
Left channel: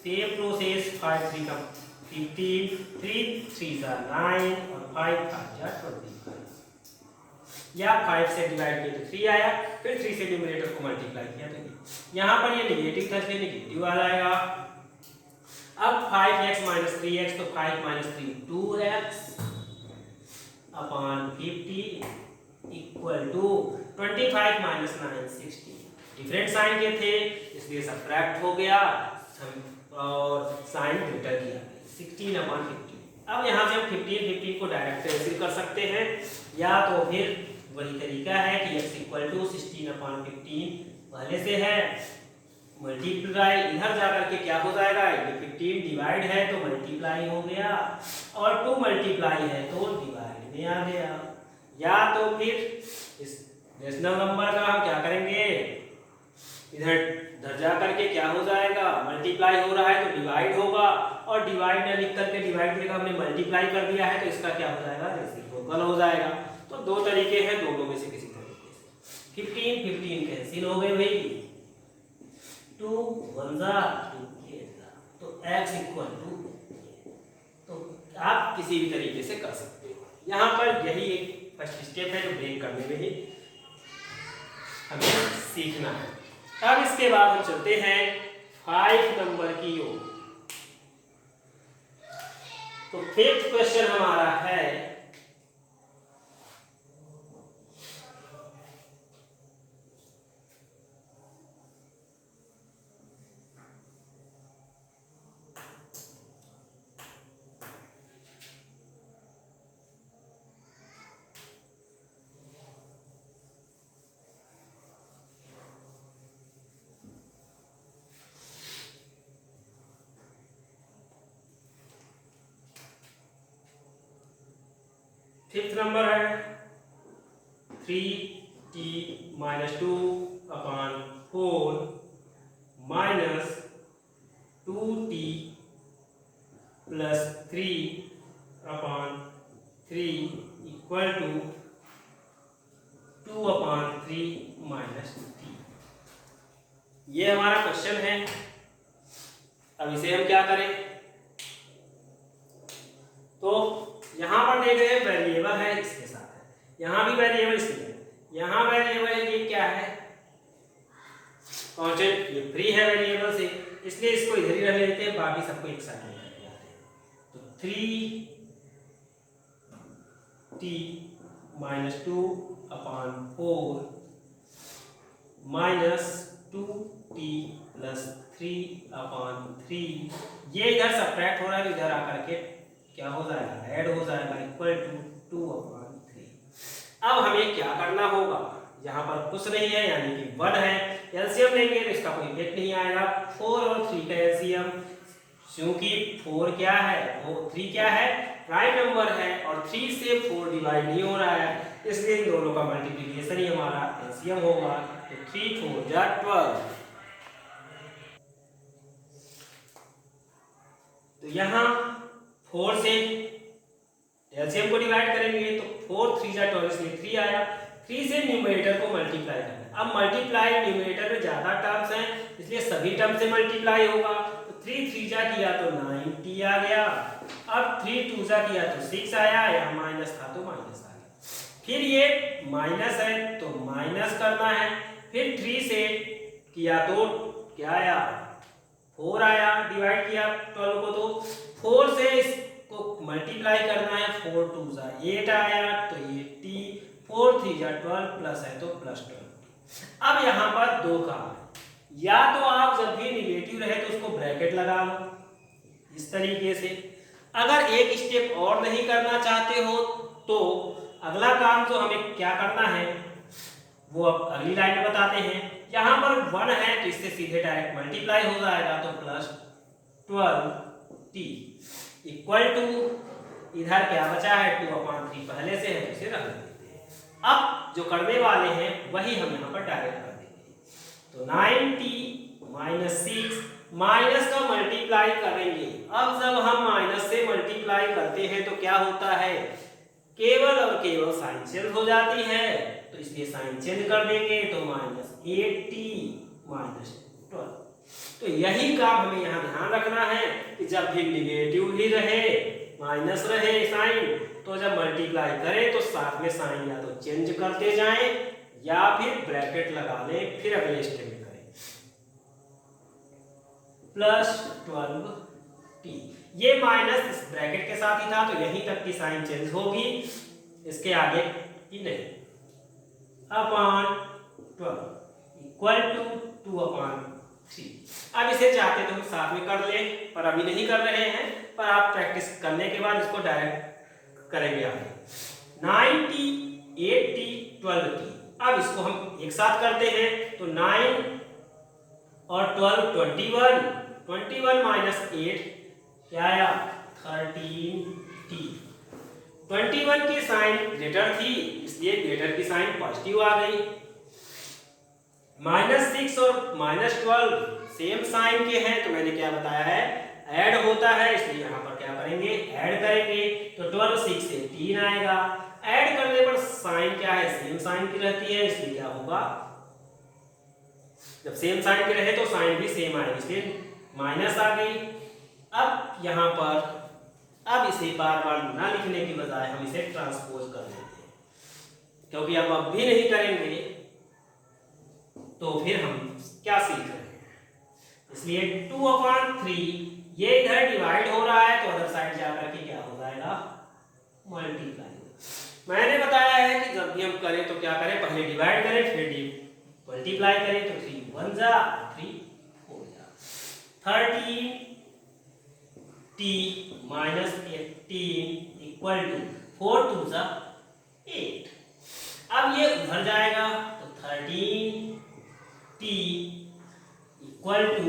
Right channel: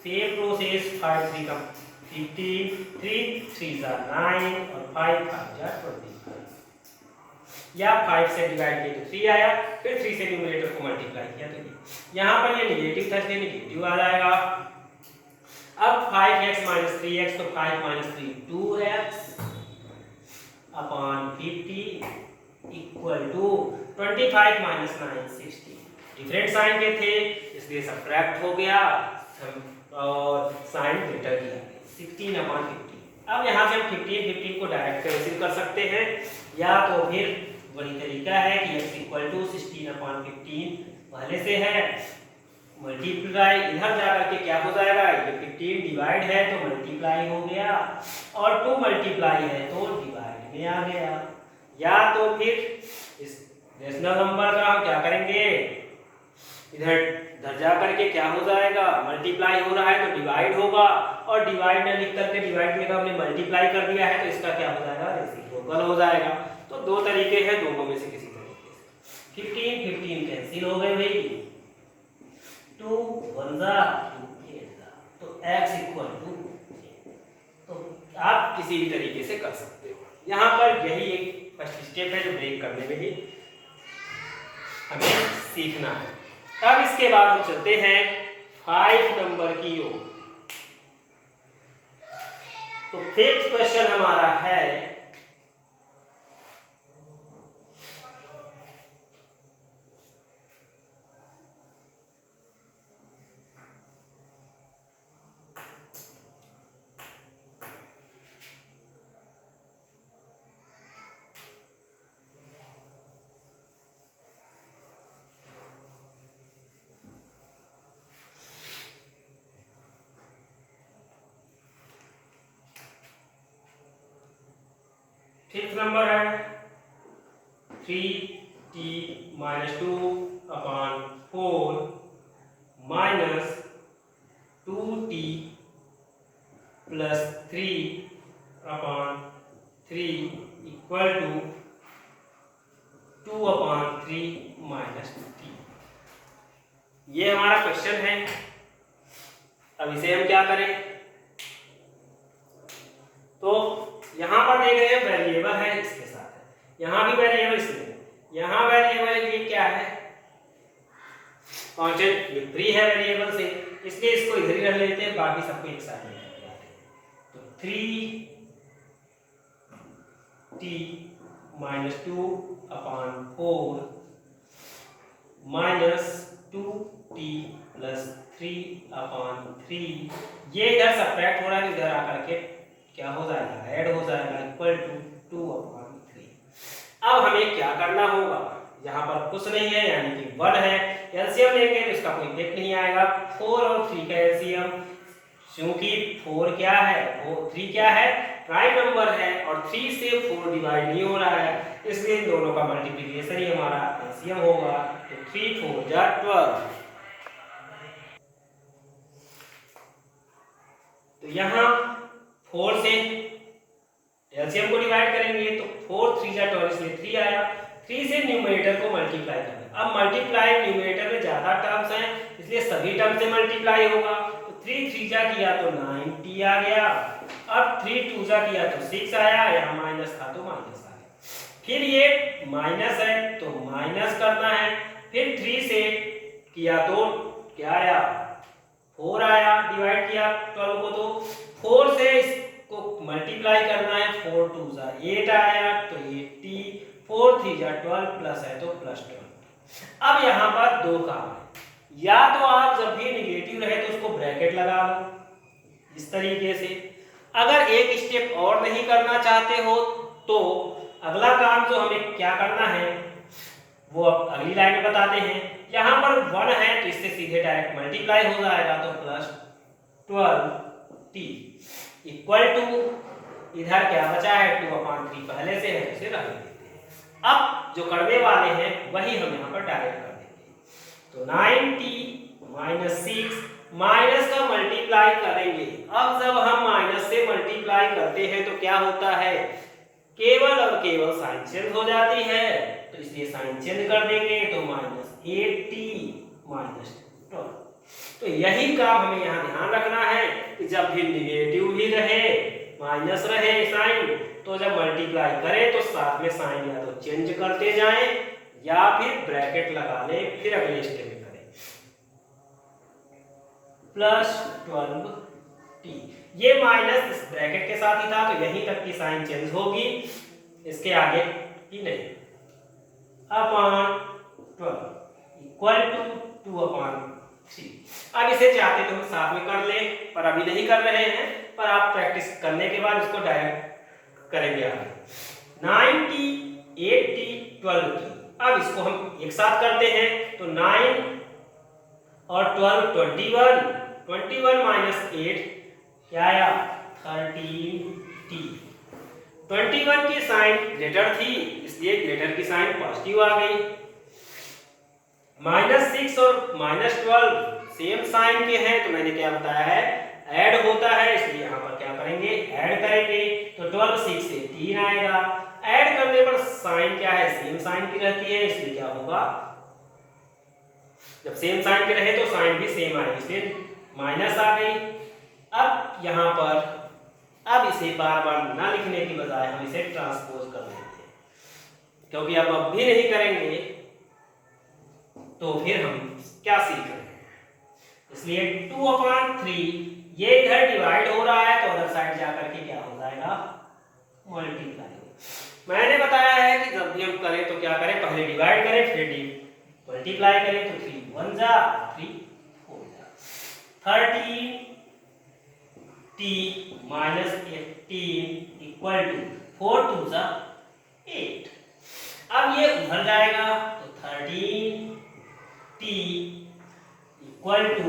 same process, 5 3 का 15, 3 3 जा 9 और 5 5 जा 25, या 5 से डिवाइड किए तो 3 आया, फिर 3 से न्यूमरेटर को मल्टीप्लाई किया तो यहाँ पर ये नेगेटिव था इसलिए नेगेटिव आ जाएगा। अब 5x माइनस 3x तो 5 minus 3 2x upon 50 equal to 25 minus 9 60, different sign के थे इसलिए सब्ट्रैक्ट हो गया और साइन ग्रेटर किया, 16/50। अब यहाँ से हम 15 को डायरेक्ट कैंसिल कर सकते हैं, या तो फिर वही तरीका है कि x इक्वल टू 16/15 पहले से है, मल्टीप्लाई इधर जाकर के क्या हो जाएगा, ये 15 डिवाइड है तो मल्टीप्लाई हो गया, और 2 मल्टीप्लाई है तो डिवाइड में आ गया, या तो फिर इस रेशनल नंबर का हम क्या करेंगे, इधर जाकर के क्या हो जाएगा, मल्टीप्लाई हो रहा है तो डिवाइड होगा, और डिवाइड में लिख करके डिवाइड में हमने मल्टीप्लाई कर दिया है तो इसका क्या हो जाएगा, रेसिप्रोकल हो जाएगा। तो दो तरीके हैं, दोनों में से किसी तरीके से 15 कैंसिल हो गए भाई, 2 1 जा 2 8 जा, तो x इक्वल टू, तो आप किसी भी तरीके से कर सकते हो। यहाँ पर यही एक फर्स्ट स्टेप है जो ब्रेक करने में ही हमें सीखना है। अब इसके बाद हम चलते हैं 5 नंबर की ओर। तो 5th क्वेश्चन हमारा है फिफ्थ नंबर है 3t minus 2/4 minus 2t plus 3/3 equal to 2/3 minus 3। ये हमारा क्वेश्चन है। अब इसे हम क्या करें, तो यहां पर देख रहे हैं वेरिएबल है इसके साथ है, यहां भी वेरिएबल इसमें, यहां वेरिएबल ये क्या है कांस्टेंट, ये फ्री है वेरिएबल से, इसलिए इसको इधर ही रख लेते हैं, बाकी सबको एक साइड में रख लेते हैं। तो 3t minus 2/4 minus 2t plus 3/3, ये इधर सब्ट्रैक्ट हो रहा है, इधर आकर के क्या हो जाएगा, ऐड हो जाएगा, इक्वल टू 2/3। अब हमें क्या करना होगा, यहाँ पर कुछ नहीं है यानी कि 1 है, एलसीएम लेंगे तो इसका कोई इफेक्ट नहीं आएगा। 4 और 3 का एलसीएम, क्योंकि 4 क्या है, 3 क्या है, प्राइम नंबर है और 3 से 4 डिवाइड नहीं हो रहा है, इसलिए इन दोनों का मल्टीप्लिकेशन ही हमारा एलसीएम होगा। तो 3 4 जा 12। तो यहाँ 4 से एलसीएम को डिवाइड करेंगे तो 4 3 जा 12, इसलिए 3 आया। 3 से न्यूमरेटर को मल्टीप्लाई करना, अब मल्टीप्लाई न्यूमरेटर में ज्यादा टर्म्स हैं इसलिए सभी टर्म से मल्टीप्लाई होगा। तो 3 3 जा किया तो 9t आ गया, अब 3 2 जा किया तो 6 आया, यहाँ माइनस था तो माइनस आ गया। फिर ये माइनस है तो माइनस करना है, फिर 3 से किया तो क्या आया, 4 आया, डिवाइड किया 12 को तो 4 से इसको मल्टीप्लाई करना है, 4 2 जा 8 आया तो 8t, 4 3 जा 12 प्लस है तो प्लस 12। अब यहाँ पर दो काम है, या तो आप जब भी निगेटिव रहे तो उसको ब्रैकेट लगा लो इस तरीके से, अगर एक स्टेप और नहीं करना चाहते हो तो अगला काम जो हमें क्या करना है वो अब अगली लाइन में बताते हैं। यहाँ पर 1 है तो इससे सीधे डायरेक्ट मल्टीप्लाई हो जाएगा, तो प्लस 12t इक्वल टू, इधर क्या बचा है 2/3 पहले से है, इसे रख देते हैं। अब जो करने वाले हैं वही हम यहाँ पर डायरेक्ट कर देंगे। तो 9t माइनस 6 माइनस का मल्टीप्लाई करेंगे। अब जब हम माइनस से मल्टीप्लाई करते हैं तो क्या होता है, केवल और केवल साइन चेंज हो जाती है, तो इसलिए साइन चेंज कर देंगे तो माइनस 8t माइनस 12। तो यही काम हमें यहाँ ध्यान रखना है कि जब भी निगेटिव भी रहे माइनस रहे साइन, तो जब मल्टीप्लाई करें तो साथ में साइन या तो चेंज करते जाएं या फिर ब्रैकेट लगा लें, फिर अगले स्टेप करें। प्लस 12t, ये माइनस इस ब्रैकेट के साथ ही था तो यहीं तक की साइन चेंज होगी, इसके आगे की नहीं। Upon 12 equal to 2/3। अब इसे चाहते तो हम साथ में कर ले, पर अभी नहीं कर रहे हैं, पर आप प्रैक्टिस करने के बाद इसको डायरेक्ट करेंगे आगे। 9t 8t 12t, अब इसको हम एक साथ करते हैं तो 9 और 12 21 माइनस 8 क्या आया 13t। 21 की साइन ग्रेटर थी इसलिए ग्रेटर की साइन पॉजिटिव आ गई। -6 और -12 सेम साइन के हैं तो मैंने क्या बताया है ऐड होता है, इसलिए यहाँ पर क्या करेंगे ऐड करेंगे तो 12 6 से 3 आएगा। ऐड करने पर साइन क्या है सेम साइन की रहती है, इसलिए क्या होगा जब सेम साइन के रहे तो साइन भी सेम आएगी, इसलिए माइनस आ गई। अब यहाँ पर अब इसे बार बार ना लिखने की बजाय हम इसे ट्रांसपोज कर लेते हैं, क्योंकि अब भी नहीं करेंगे तो फिर हम क्या सीख रहे हैं, इसलिए 2/3 ये इधर डिवाइड हो रहा है तो अदर साइड जाकर के क्या हो जाएगा मल्टीप्लाई। मैंने बताया है कि जब भी हम करें तो क्या करें पहले डिवाइड करें फिर मल्टीप्लाई करें, तो 3 1 जा 3 4 जा 13t माइनस 18 इक्वल टू 4 2 जा 8। अब ये उधर जाएगा तो 13t इक्वल टू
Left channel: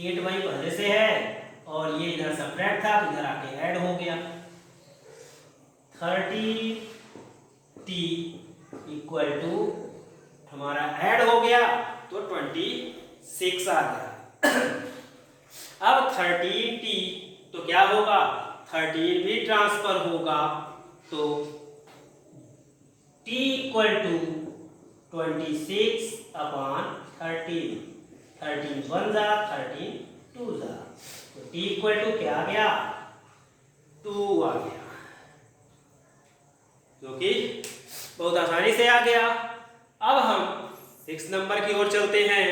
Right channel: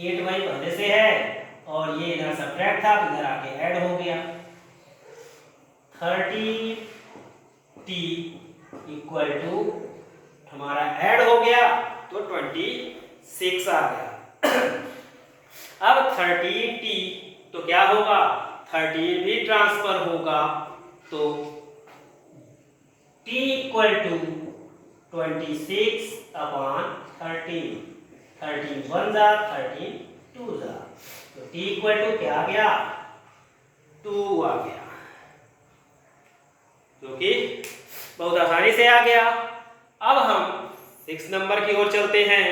8 भाई पहले से है और ये इधर सब्ट्रैक्ट था तो इधर आके ऐड हो गया 30t इक्वल टू हमारा ऐड हो गया तो 26 आ गया। अब 13t तो क्या होगा, 13 भी ट्रांसफर होगा तो t equal to 26 upon 13, 13 one जा 13 टू जा, तो t इक्वल टू क्या आ गया, 2 आ गया, जो कि बहुत आसानी से आ गया। अब हम 6 नंबर की ओर चलते हैं।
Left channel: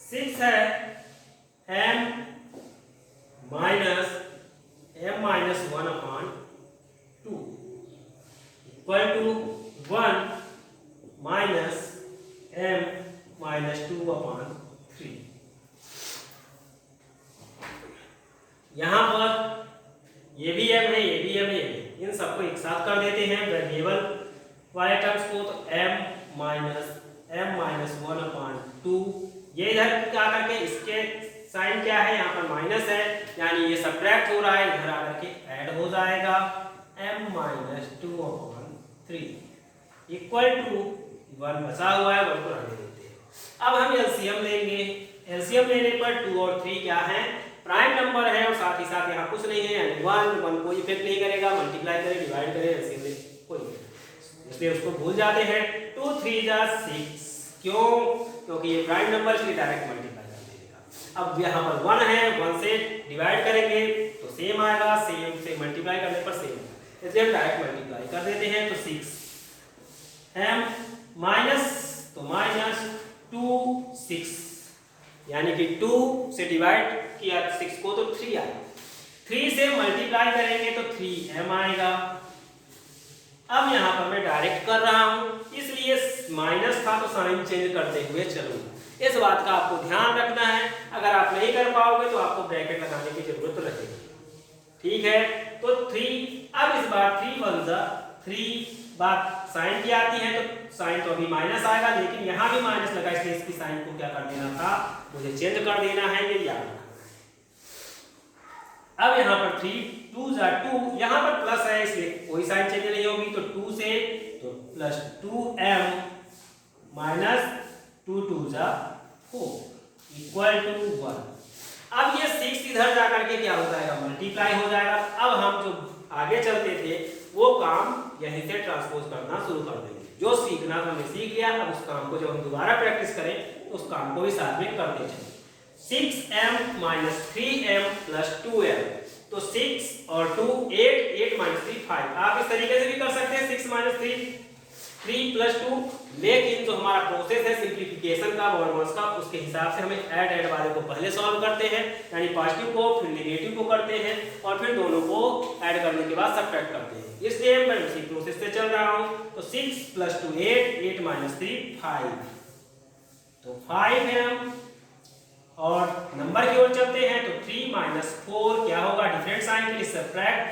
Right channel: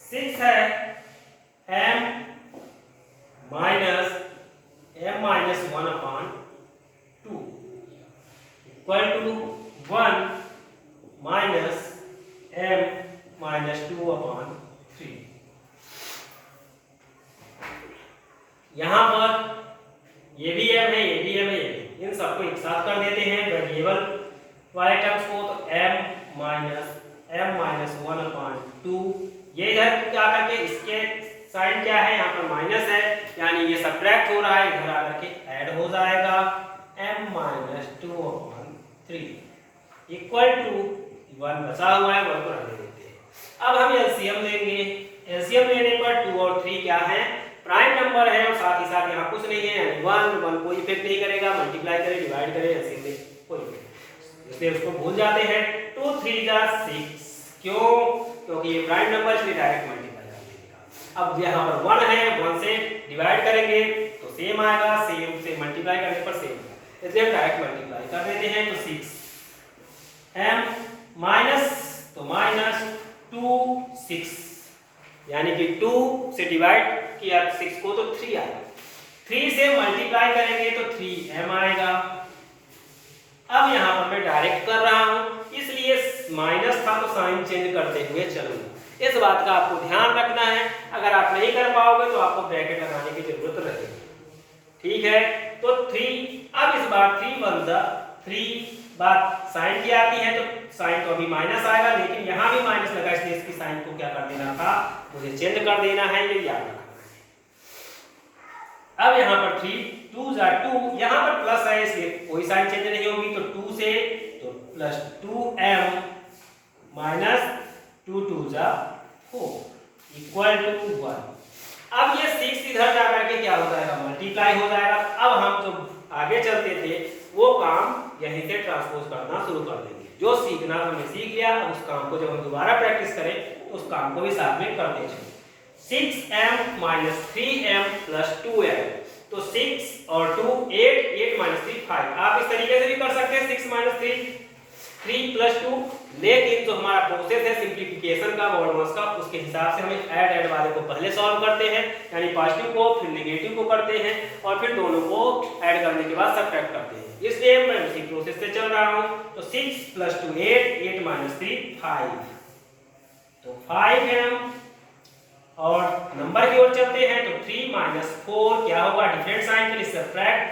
सिक्स है m minus m minus 1 upon 2 equal to 1 minus m minus 2 upon 3। यहां पर ये भी m है, ये भी m है, इन सबको एक साथ कर देते हैं वेरिएबल वाले टर्म्स को, तो m माइनस 1 अपॉन 2, ये इधर क्या करके इसके साइन क्या है, यहाँ पर माइनस है, यानी ये सब्ट्रैक्ट हो रहा है, इधर आकर के ऐड हो जाएगा m minus 2 upon 3 equal to 1 बचा हुआ है, 1 को रहने देते हैं। अब हम एलसीएम लेंगे। एलसीएम लेने पर 2 और 3 क्या है, प्राइम नंबर है, और साथ ही साथ यहाँ कुछ नहीं है, यानी 1 कोई इफेक्ट नहीं करेगा, मल्टीप्लाई करे डिवाइड करे एलसीएम में कोई इफेक्ट, इसलिए उसको भूल जाते हैं। 2 3 जा 6, क्यों, क्योंकि ये प्राइम नंबर इसलिए डायरेक्ट मल्टीप्लाई कर देगा। अब यहाँ पर 1 है, 1 से डिवाइड करेंगे तो सेम आएगा, सेम से मल्टीप्लाई करने पर सेम आएगा, इसलिए हम डायरेक्ट मल्टीप्लाई कर देते हैं। तो 6 m माइनस तो माइनस 2 6, यानी कि 2 से डिवाइड किया 6 को तो 3 आएगा, 3 से मल्टीप्लाई करेंगे तो 3m आएगा। अब यहाँ पर मैं डायरेक्ट कर रहा हूँ, इसलिए माइनस था तो साइन चेंज करते हुए चलूंगा, इस बात का आपको ध्यान रखना है। अगर आप नहीं कर पाओगे तो आपको ब्रैकेट लगाने की जरूरत रहेगी, ठीक है। तो 3, अब इस बार 3 1 जा 3, बात साइन की आती है तो साइन तो अभी माइनस आएगा, लेकिन यहाँ भी माइनस लगा, इसलिए इसकी साइन को क्या कर देना था, मुझे चेंज कर देना है, ये याद रखना है। अब यहाँ पर 3 2 जा 2, यहाँ पर प्लस है इसलिए कोई साइन चेंज नहीं होगी, तो 2 से तो प्लस 2m माइनस 2 2 जा 4 इक्वल टू 1। अब ये 6 इधर जाकर के क्या हो जाएगा, मल्टीप्लाई हो जाएगा। अब हम जो आगे चलते थे वो काम यहीं से ट्रांसपोज करना शुरू कर देंगे, जो सीखना था हमने सीख लिया। अब उस काम को जब हम दोबारा प्रैक्टिस करें तो उस काम को भी साथ में करते चलें। 6m minus 3m plus 2m, तो 6 और 2 8, 8 माइनस 3 5। आप इस तरीके से भी कर सकते हैं 6 माइनस 3 प्लस 2, लेकिन जो हमारा प्रोसेस है सिंप्लीफिकेशन का, मॉडुलस का, उसके हिसाब से हमें ऐड वाले को पहले सॉल्व करते हैं, यानी पॉजिटिव को फिर नेगेटिव को करते हैं और फिर दोनों को ऐड करने के बाद सबट्रैक्ट करते हैं। इसलिए मैं उसी प्रोसेस से चल रहा हूं। तो 6 प्लस 2 8, 8 माइनस 3 5, तो 5m। और नंबर की ओर चलते हैं तो 3 माइनस 4 क्या होगा, डिफरेंट साइन के लिए सबट्रैक्ट,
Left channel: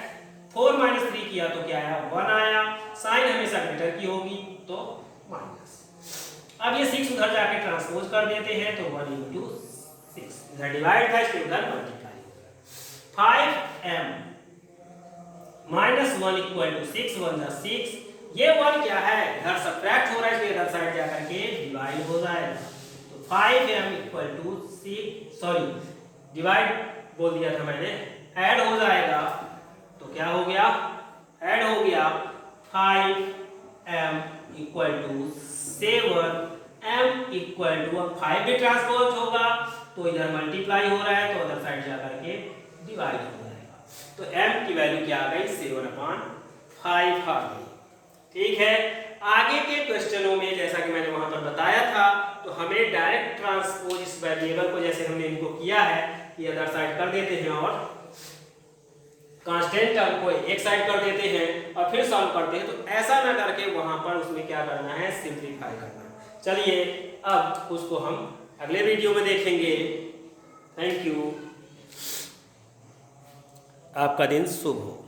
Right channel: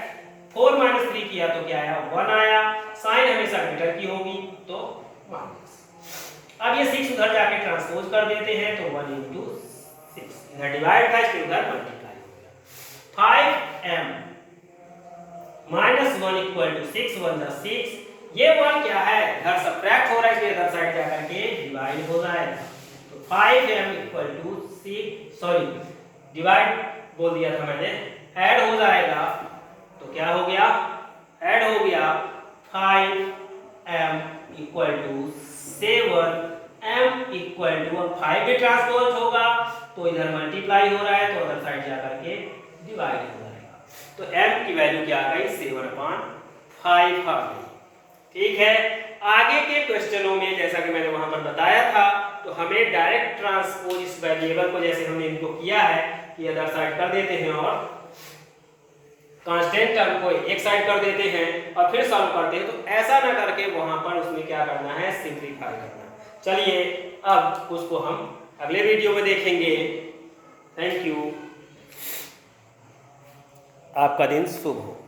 4 माइनस 3 किया तो क्या आया, 1 आया, साइन हमेशा ग्रेटर की होगी तो माइनस। अब ये 6 उधर जाके ट्रांसपोज कर देते हैं तो 1 इंटू 6, इधर डिवाइड था इसलिए उधर मल्टीप्लाई हो गया। 5m माइनस 1 इक्वल टू 6 1 जा 6, ये 1 क्या है, इधर सबट्रैक्ट हो रहा है इसलिए इधर साइड जाकर के डिवाइड हो जाएगा। तो 5m equal to 6, sorry divide बोल दिया था मैंने, ऐड हो जाएगा तो क्या हो गया, ऐड हो गया 5m equal to 7m equal to, अब 5 भी ट्रांसपोज होगा तो इधर मल्टीप्लाई हो रहा है तो उधर साइड जाकर के डिवाइड हो जाएगा। तो m की वैल्यू क्या आ गई, 7/5 आ गई, ठीक है। आगे के क्वेश्चनों में जैसा कि मैंने वहां पर बताया था, तो हमें डायरेक्ट ट्रांसपोज इस वेरिएबल को, जैसे हमने इनको किया है कि अदर साइड कर देते हैं और कांस्टेंट टर्म को एक साइड कर देते हैं और फिर सॉल्व करते हैं, तो ऐसा ना करके वहां पर उसमें क्या करना है, सिंपलीफाई करना। चलिए अब उसको हम अगले वीडियो में देखेंगे। Thank you. आपका दिन शुभ हो।